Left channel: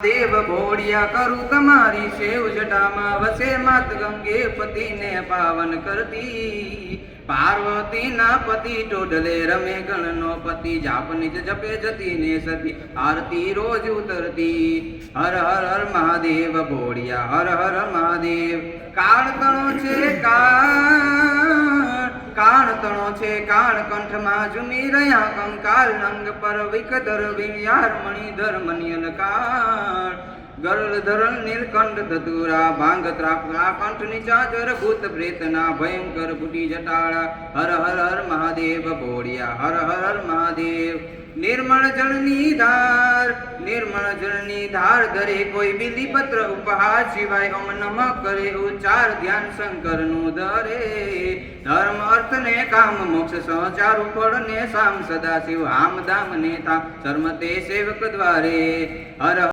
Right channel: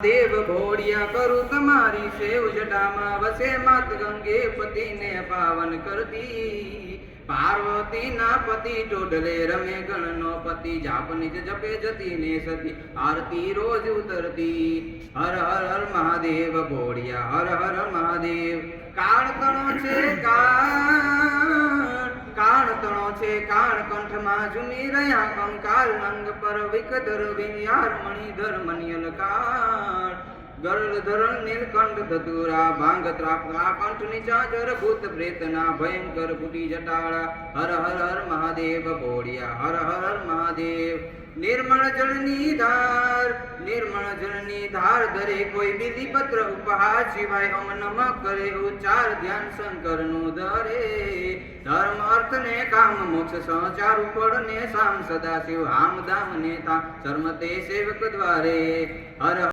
देव भोड़िया करू तुम्हारी शेव जटामा वसे मात गंगे पति ने पावन करती पार्वती ना पति टोडले रमे गणनो पति जाप निज जपे जती ने सती आरती रोज उतरती। हर हर हर महादेव भोड़िया हर हर महादेव। काल तणो छे काण तणो छे काण कंठ मा झूमी रह्या कंकाल नंग पर विकदर विण्यार मणिधर मनियन काळ गरुड़ धरण नीलकंठ धतुरा भांग त्रापरा कंठ निचाजर भूत प्रेतना भयंकर बुटी जटाड़ा। हर हर हर महादेव भोड़िया हर हर हर महादेव। निर्मल जलनी धार धरे कोई बिली पत्र उपहार शिवाय ओम नमः करे उच्चार ध्यान शंकर नु धरे। धर्म अर्थ ने काम मोक्ष सहचार फल ने साम सदा शिव हाम धाम नेता शर्मते सेवक द्वारे। हर